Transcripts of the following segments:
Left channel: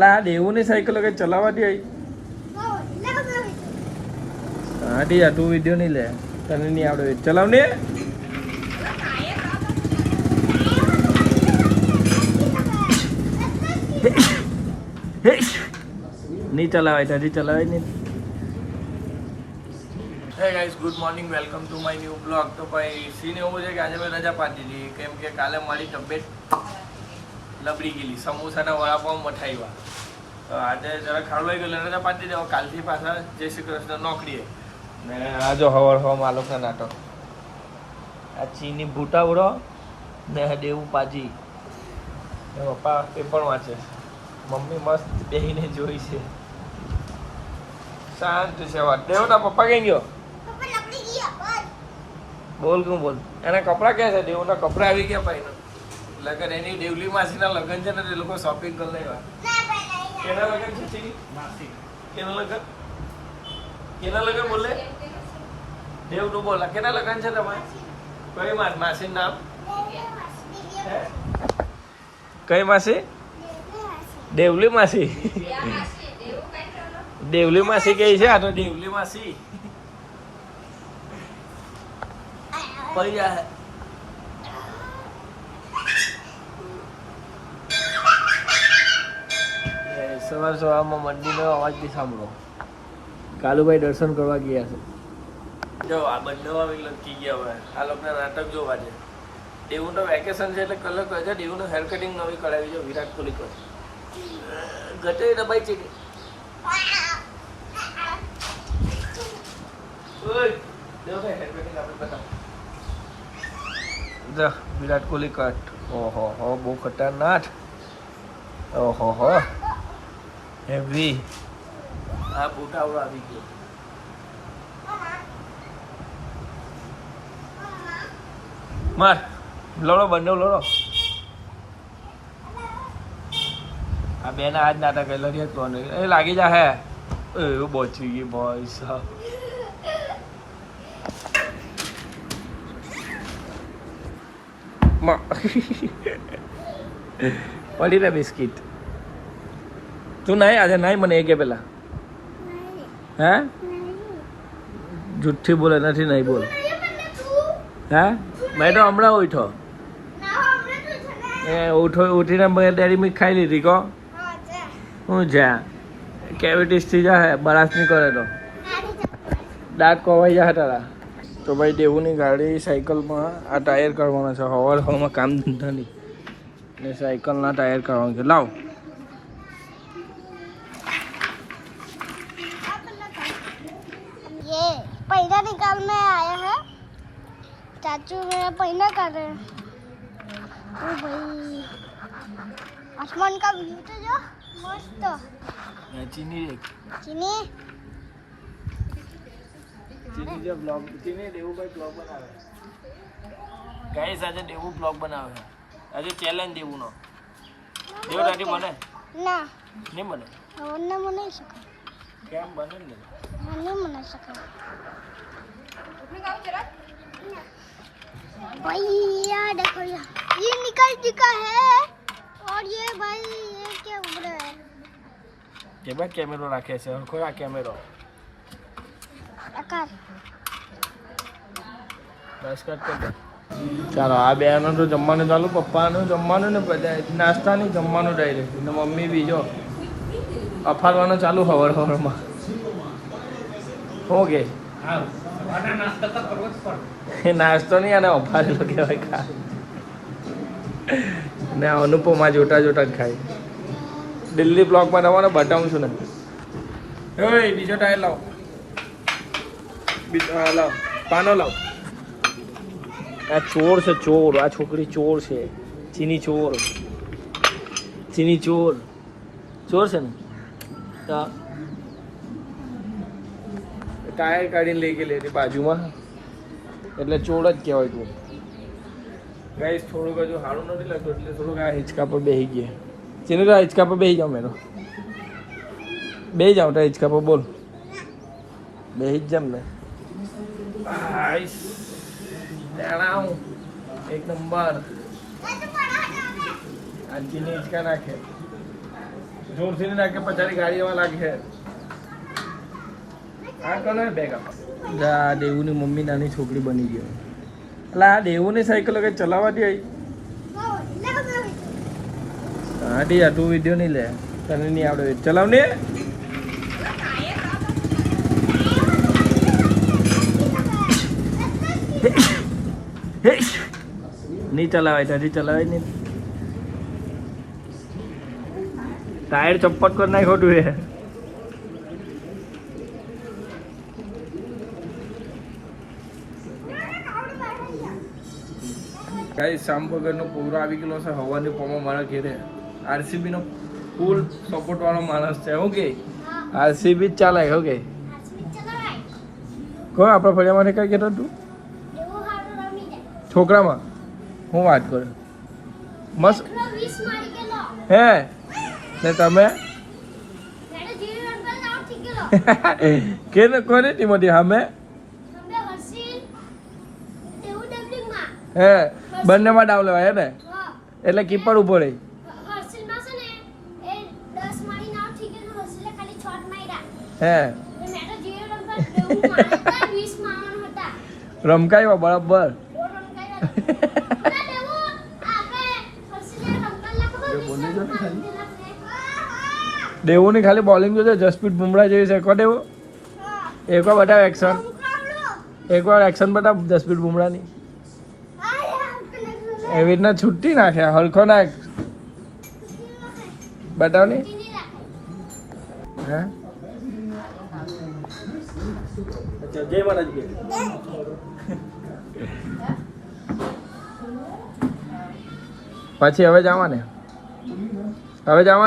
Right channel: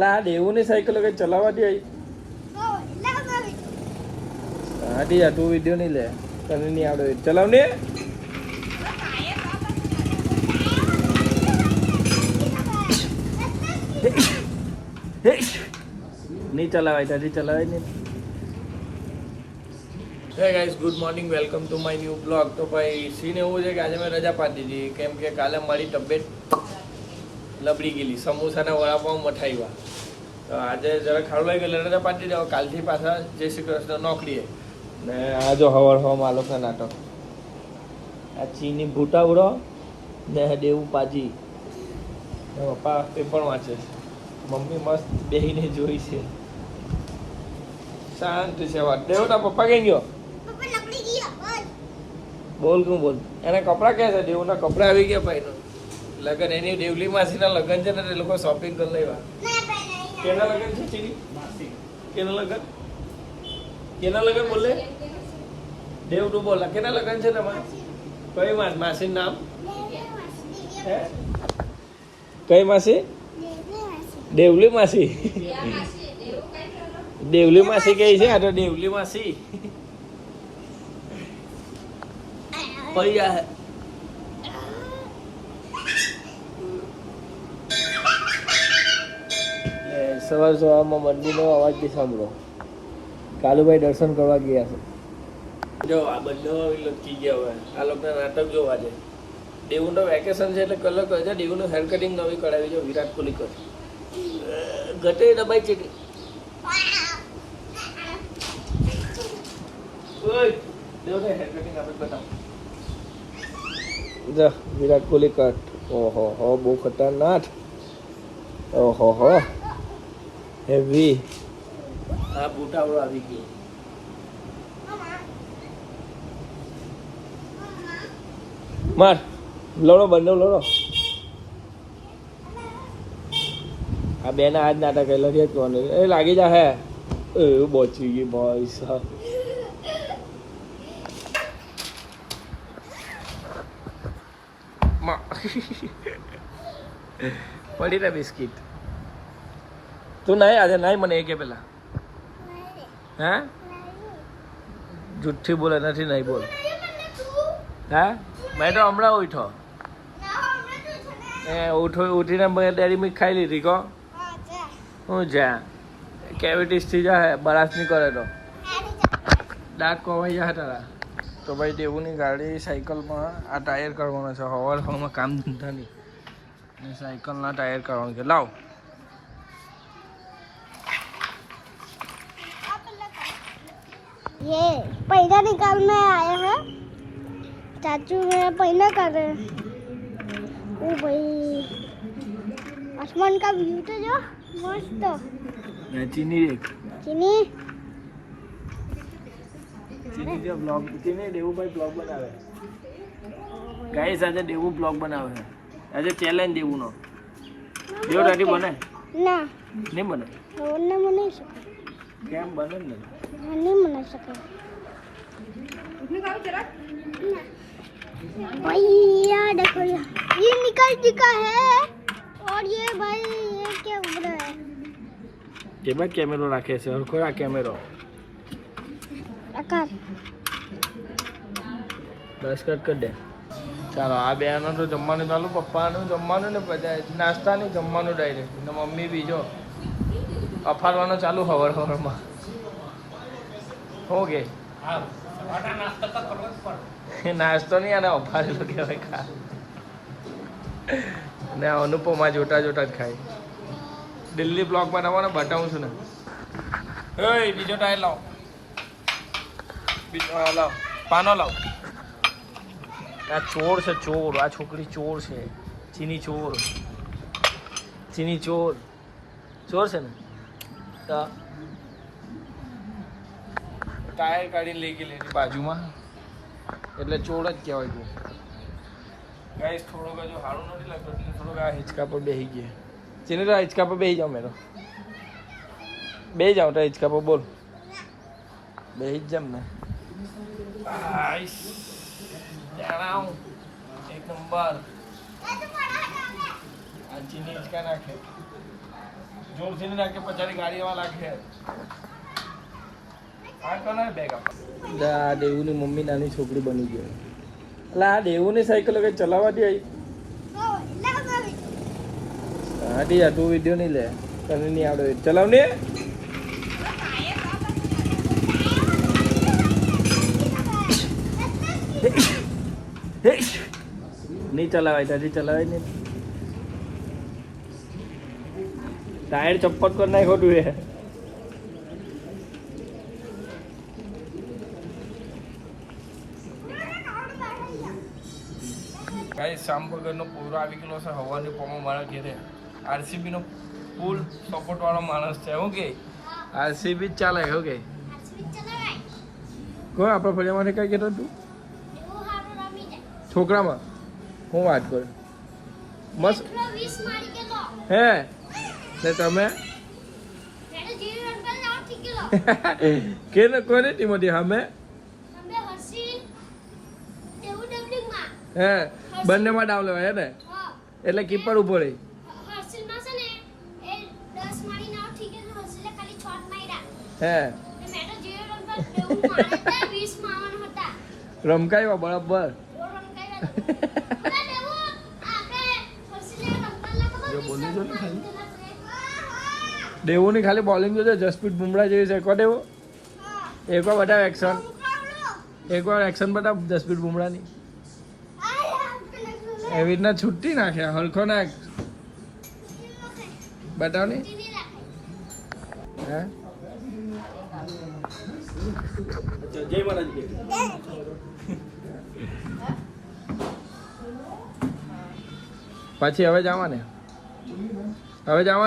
લા દેવુની સાયકલ કે ચલાવવાથી આડી આ તું વિડિયો નહીં લે તને નહીં આવડે ચલાવ ને નહીં ચલાવાય હજી ચલાવાય નહીં. હે guys good morning welcome to my new blog. તો ભાઈ સીન એવું છે કે આજે મેં રજા પાડી દીધી કેમ કે કાલે મારી તબિયત લબડી ગયેલી, સમોસાના વડાપાઉં મઠાઈવા. તો આજે જરા ખાડવાઈ ગયેલો રજા પાડી દીધી. કાલથી પાછા જય શ્રી કૃષ્ણ નોકરીએ. ને આ જો હવર હવા માલોકના નાટક, આ ચીની ભૂટાવડો ને દેવું પાજી. પપ્પા પેપર વાંચે, મમ્મી મસ્ત બેહીને જોઈ છે. શાંતિ છે વાત. દેવના પપ્પા કઈ ગયો? બોલ તું બોલ. એના કપડા ક્યાં છે? દેવના કપડા આવી ગયા ભાઈ. લગન એની દેવલી માસીના લગન છે ને એ લોકો શોપિંગ કરી લેવા. કેના લગન છે ચીની? કેના લગન? કેના લગન બોલે? દેવ તું બોલ. કેના લગન છે તમારે? કઈ માસી નામ? હે કઈ માસી? દેવલી માસી. દેવલી માસી કઈ છે? આ તો દેવલી માસી પૈયા. સવાર સવારમાં મંદિરનો અવાજ બી સાંભળો. કાલુભાઈ દર્શન કરવા ગયા છે. જો આ બંને લટકી ગયા હવે. આ લોકોના નાટક જોવા છે. દેવુનું વેકેશન છે એટલે કલર કરે છે. દેવુનું હેર કટિંગ નવી કરાવી છે વિરાટ કોહલી કર ઘટે દબાઈ છે. વિરાટ કોહલી કટ. ઓહો હો બહુ ખતરનાક. ઓહો હો હેવી. આ બુટાવડો આવી ગયો. માર લડો બંને લડો. આ બે ના આજ નાટક લડ્યા કોણ એ લાગી જા હે એવું બચી ગઈ ભાઈ સાહેબ. પડી રે બિસ્કીટ. તું નાય આજે નાય મને એ કે પેલા હે જુઠ્ઠી બોલે નથી નહીં બોલ. હે મેં તો હમણાં ઉઠો એ ઉઠીને ડેરી મિલ્ક ખાઈ લીધી કહો હું જ્યાં કેવિટીસ થઈ જાય બરાસ નહીં કરે તો દાંત કોવાઈ જાય તારા. તો ભાઈ દેવુની ગાડી સાયકલમાં આ ટાયર કરવાના છે. હવાર હવામાં કામ ધંધા નહીં ને સાયકલના ટાયર કરવાનું છે. લાવ ये पहिला निकालने आया है चाचू. मेरा पहिला कर रहे हैं. ओ भाई आसमान का व्यू तो जो मस्त. ચીની चीनी જે બ્લોગ ચીની દેવુભાઈ બ્લોગ બનાવે. ગાઈસ આજે દેવું બ્લોગ બનાવે છે. આજે ચેલેન્જ દેવુંનો. દેવ દાદી બને ना નહીં બને? उन्हें मना सके. કેમ બને ને? नहीं मना सके भाई. यार देखो ये निकल चुका है और ये भाई ये क्या उड़ रहा है. કેમાં કેમેરો રાખે છે? હરખો આ કેમેરો आकार બસ કટ કરી દે. ચાલો આ બેનો તો જમવાનું ચાલુ. પપ્પાનું જમવાનું ને બધા નાસ્તાની જમવાનું ડાયરેક્ટ ને મમ્મી બી જો અફારવાનું ચાલુ હવાર હવારમાં. ઓકે નાસ્તો નહીં અને અફારેલો કહેવાય ખા. ને અનુપમા જોતા જોતા જ ખાય. દિલ્હી બ્લોકમાં તમારે બતાવું છું ને. બીજો ટાયર લાવ. બીજો હા લાવ. પાનો લાવ. આ ચોર છે ચોર. આ છોકરી ચોર છે. ચીની ચોર. ચીની ચોર ચોર છે ને. ટાયર કાઢીને લઈ ગયેલી હતી બાજુમાં એટલે ચોર જ કહેવાય. તું ગાઈસ થોડુંક હજુ સારું નથી લાગતું એટલે થોડુંક આ હિંચકા પર બેસી ગયા. ચીની તો હિંચકા પર બેસી જાઉં. મેરો બેસી જાઉં તો હિંચકા પર બોલ. બેસી જ જામ ને. એક નંબર. આ ચીની હિંચકા નાખે જોરથી નહીં નાખે પચારી ગાડી એવા લાગે. આ કોને બેગ આપ દેવુની મમ્મી નાની છોકરી બની ગઈ. એટલે આ દેવુની સાયકલ કઈ ચલાવવા દે. હા ડી આ તું વિડીયો નહીં લે તને નહીં આવડે ચલાવ ને. નહીં ચલાવાય હજી ચલાવાય નહીં. ટાયર ચપ્પટ કર નાખ ખોટું એ. ગાઈસ શામબગરનો પૂરો આવી ગયેલો છે હવાની પોમાં મારા ઘેરે. આરસીબી નો ફૂલ સપોર્ટ વાળો માણસ છે. ઓકે આરસીબી ચાલે. ઓકે કોણ આપણા ફળિયા માટે કઈ કહેતો તું છોકરામાં હું વાત કરું મસ્ત હે ને તમે કે કોને ટીમ હતી અમે હે બંનેમાં ડાવ લેવાય હે ને એટલે કીપર ઉભો રહી. હે રમકાયો બરાબર. દેવું ની ખાલી બોલિંગ જોજો. જસપ્રીત બુમરાહ જેવી છે. કો દેવું એકવાર બતાવ એક્શન. એકવાર એક્શન બતાવ જસપ્રીત બુમરાહ ની. એવી રીતના છૂટી નાખે હલકો નાખ બતાવ ની. જય મહારાજ. પછી હવે જવાને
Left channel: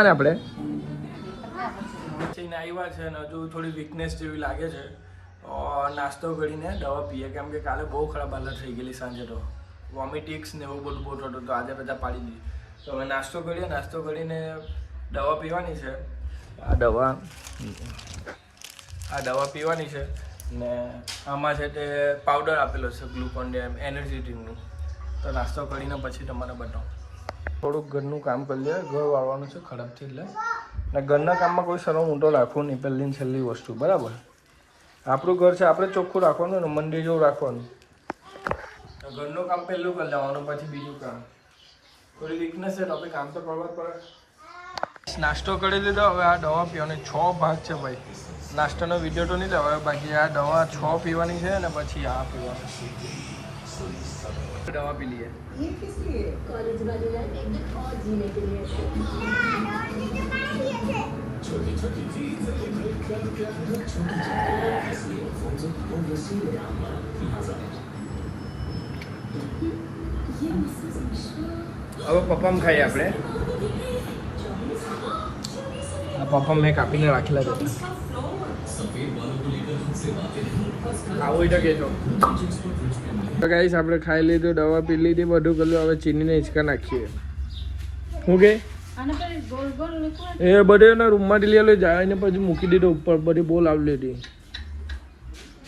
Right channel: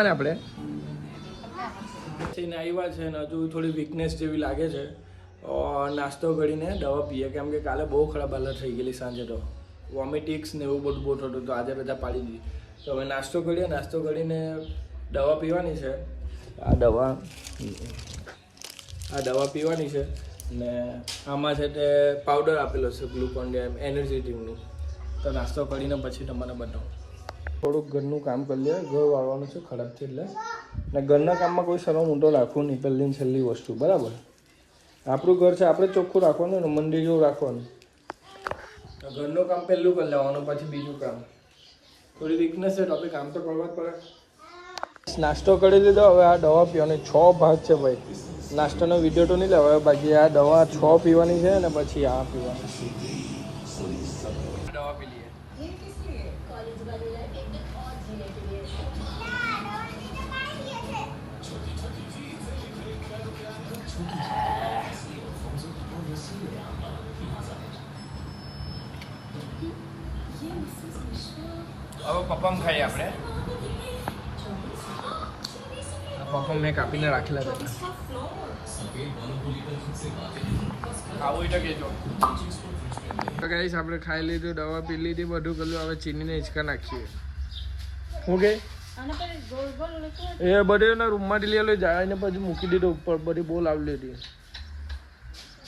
આપણે આવ્યા છે ને હજુ થોડી વીકનેસ જેવી લાગે છે. નાસ્તો કરીને દવા પીએ કેમ કે કાલે બહુ ખરાબ હાલત થઈ ગયેલી સાંજે તો વોમિટિક્સ ને એવું બધું બહુ થતું તો આજે રજા પાડી દીધી. તો હવે નાસ્તો કરીએ. નાસ્તો કરીને દવા પીવાની છે. આ દવા પીવાની છે ને આમાં છે તે પાવડર આપેલો છે ગ્લુકોન ડી એનર્જી ડ્રિંકનું. તો નાસ્તો કરીને પછી તમને બતાવું. થોડુંક ઘરનું કામ કરી લે. ઘર વાળવાનું છે ખરાબ છે એટલે ને ઘરના કામમાં કોઈ સરો ઊંટો રાખવું નહીં. પહેલી ને છેલ્લી વસ્તુ બરાબર. આપણું ઘર છે આપણે ચોખ્ખું રાખવાનું ને મંદિર જેવું રાખવાનું. ઘરનું કામ પહેલું કરી લેવાનું પછી બીજું કામ. થોડી વીકનેસ છે તો આપણે કામ તો કરવા જ પડે. નાસ્તો કરી લીધો. હવે આ દવા પીવાની 6 ભાગ છે ભાઈ. નાસ્તાનો વિડીયો તો નહીં લેવાય. બાકી આ દવા 6 પીવાની છે ને પછી આ પીવાની. દવા પી લઈએ. હવે પપ્પામાં ખાઈએ આપણે. આ પપ્પા મેં કાપીને રાખેલા છે. આવું તો કહેજો. તો ગાઈસ આપણે ખાઈ લીધું, દવા પી લીધી, બધું કર્યું. હવે ચીનીને હિંચકા નાખીએ. શું કે એ બધે એના રૂમમાંથી લઈ જાય ને પછી મૂકી દીધો ઉપર. બધી બોલ આવી લીધી.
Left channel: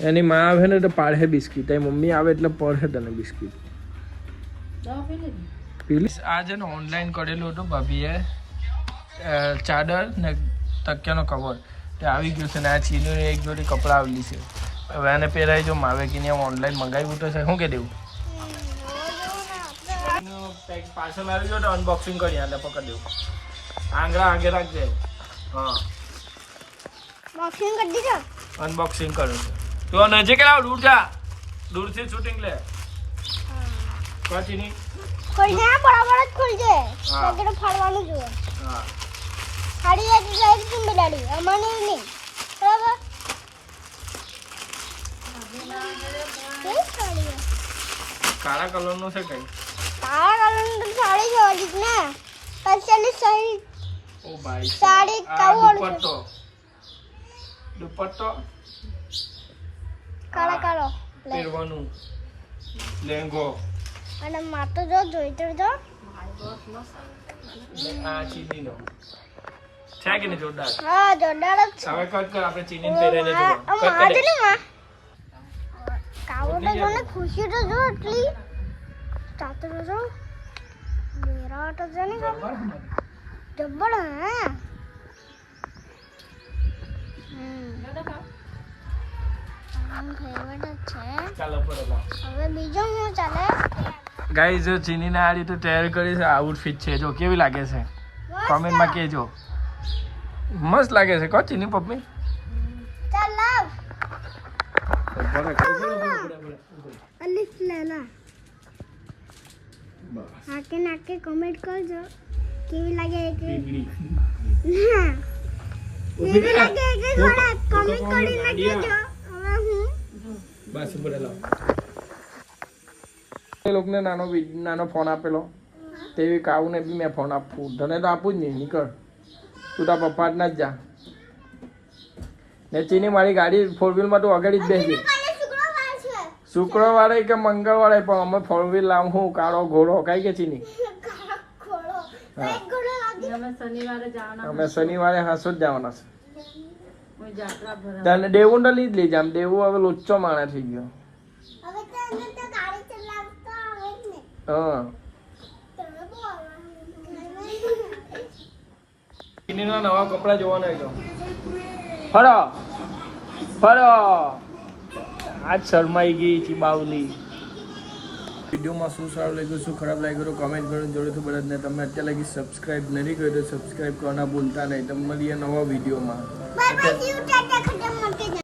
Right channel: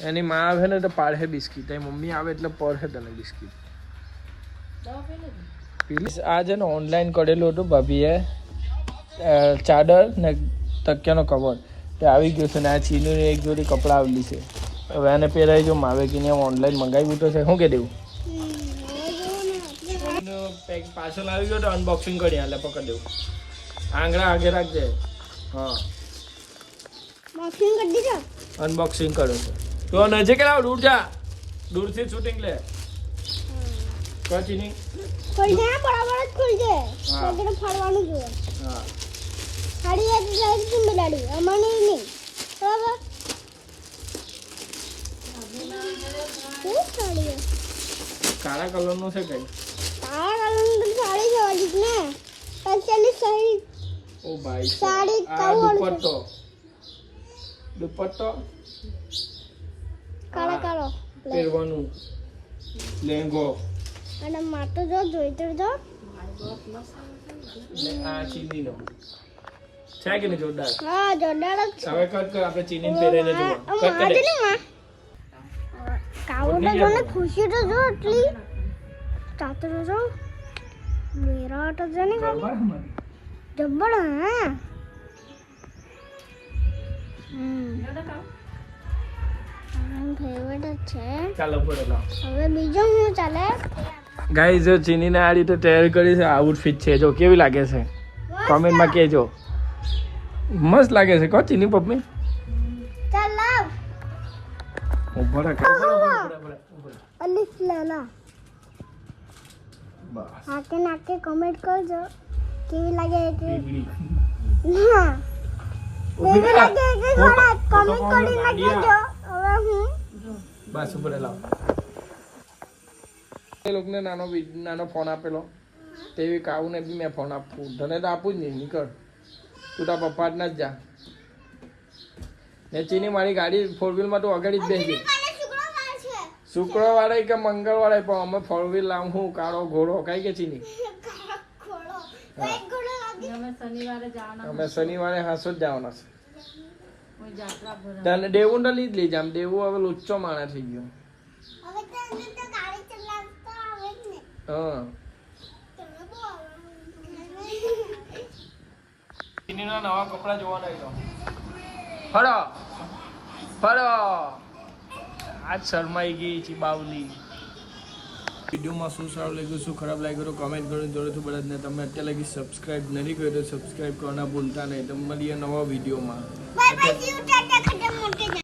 એની માં આવે ને તો પાડે બિસ્કીટ. એ મમ્મી આવે એટલે પડે તને બિસ્કીટ. આ છે ને ઓનલાઈન કરેલું હતું ભાભીએ. ચાદર ને તકિયાનો કવર તે આવી ગયું છે ને આ ચીનીની એક જોડી કપડાં આવેલી છે. હવે આને પહેરાઈ જો માવે કે નહીં ઓનલાઈન મંગાવ્યું તો છે. શું કે દેવું પેક પાર્સલ આવી ગયો તો અનબોક્સિંગ કરી એટલે પકડ દેવું. આંગળા આગે રાખજે. હા અનબોક્સિંગ કર્યું છે. તો નજીક લાવ. દૂર જા. દૂરથી શૂટિંગ લે. ચીની બરાબર જ ખુલજે. ફાડવાનું જોઈએ. હા ખાડી જાય કેમ બિલાડી અમાને નહીં બરાબર. કાળા કલરનો છે કઈ. કાળા કલરનો સાડી જોવાની ને પંચાલી સાડી. ઓ ભાઈ સાડી કાળો દુપટ્ટો કાળા કાળો પહેરવાનું લેંગો. અને માતો જો જોઈતો જો આ ચીની નો છે કે નહીં જોરદાર. હા જોરદાર જ છે. હવે કટ કર. આપણે ચીની પહેરીને જો કટ કરે. કાવો તો જોને ખુશી તો જો એટલી ચાતો જો મેરા તો જને કાવો જબ્બર હે ફેવરેટ છે. ચાલો બોલો લાવ. હવે બીજો શું ચાલે? ગાઈઝ જો ચીનીને આ રીતે તૈયાર કરી છે, આઉટફિટ છે, જો કેવી લાગે છે કોમેન્ટમાં કહેજો. મસ્ત લાગે છે કો ચીની પપ્પી. ચાલ લાવ. અલીફ લેલા બસ આકે નાકે કમેન્ટ કરજો કેવી લાગે કે બીબડી ના કેવી લાગે કે થોડા કમેન્ટ કરીને કહેજો. હવે હું બસ ઉપર લાવ. એ લોકોને નાનો ફોન આપેલો તેવી કાઉને બી મેં ફોન આપું. તને તો આપું જ નહીં, નીકળ તું તારા પપ્પા જ ના જ જા. ને ચીની મારી ગાડી 4 વ્હીલમાં તું આગળ જ બેસી. શુક્રવારે કે મંગળવારે પણ અમે 4 વ્હીલ લાવું હું કાળો ઘોડો કઈ કે ચીની. અમે શનિવારે હાસો જ જવાના છે. તને દેવું તો લઈ જ લઈ જામ. દેવું હવે લોચો માણસ થઈ ગયો. હવે તને તો ગાડી ચલાવતા આવે જ ને. હા તને બહુ ચીનીના નવા કપડા જોવાના જો. ફરો ફરો આજ શરમાઈ ગઈ ચીબાવલી. વિડીયોમાં શું સારું લાગ્યું, શું ખરાબ લાગ્યું તો કમેન્ટ કરો. જોડેથી બધાને તમે અત્યારે લગી સબસ્ક્રાઇબ નથી કર્યું તો સબસ્ક્રાઇબ કરવાના ભૂલતા નહીં. તમે મળીએ નવા વિડીયોમાં. Bye bye.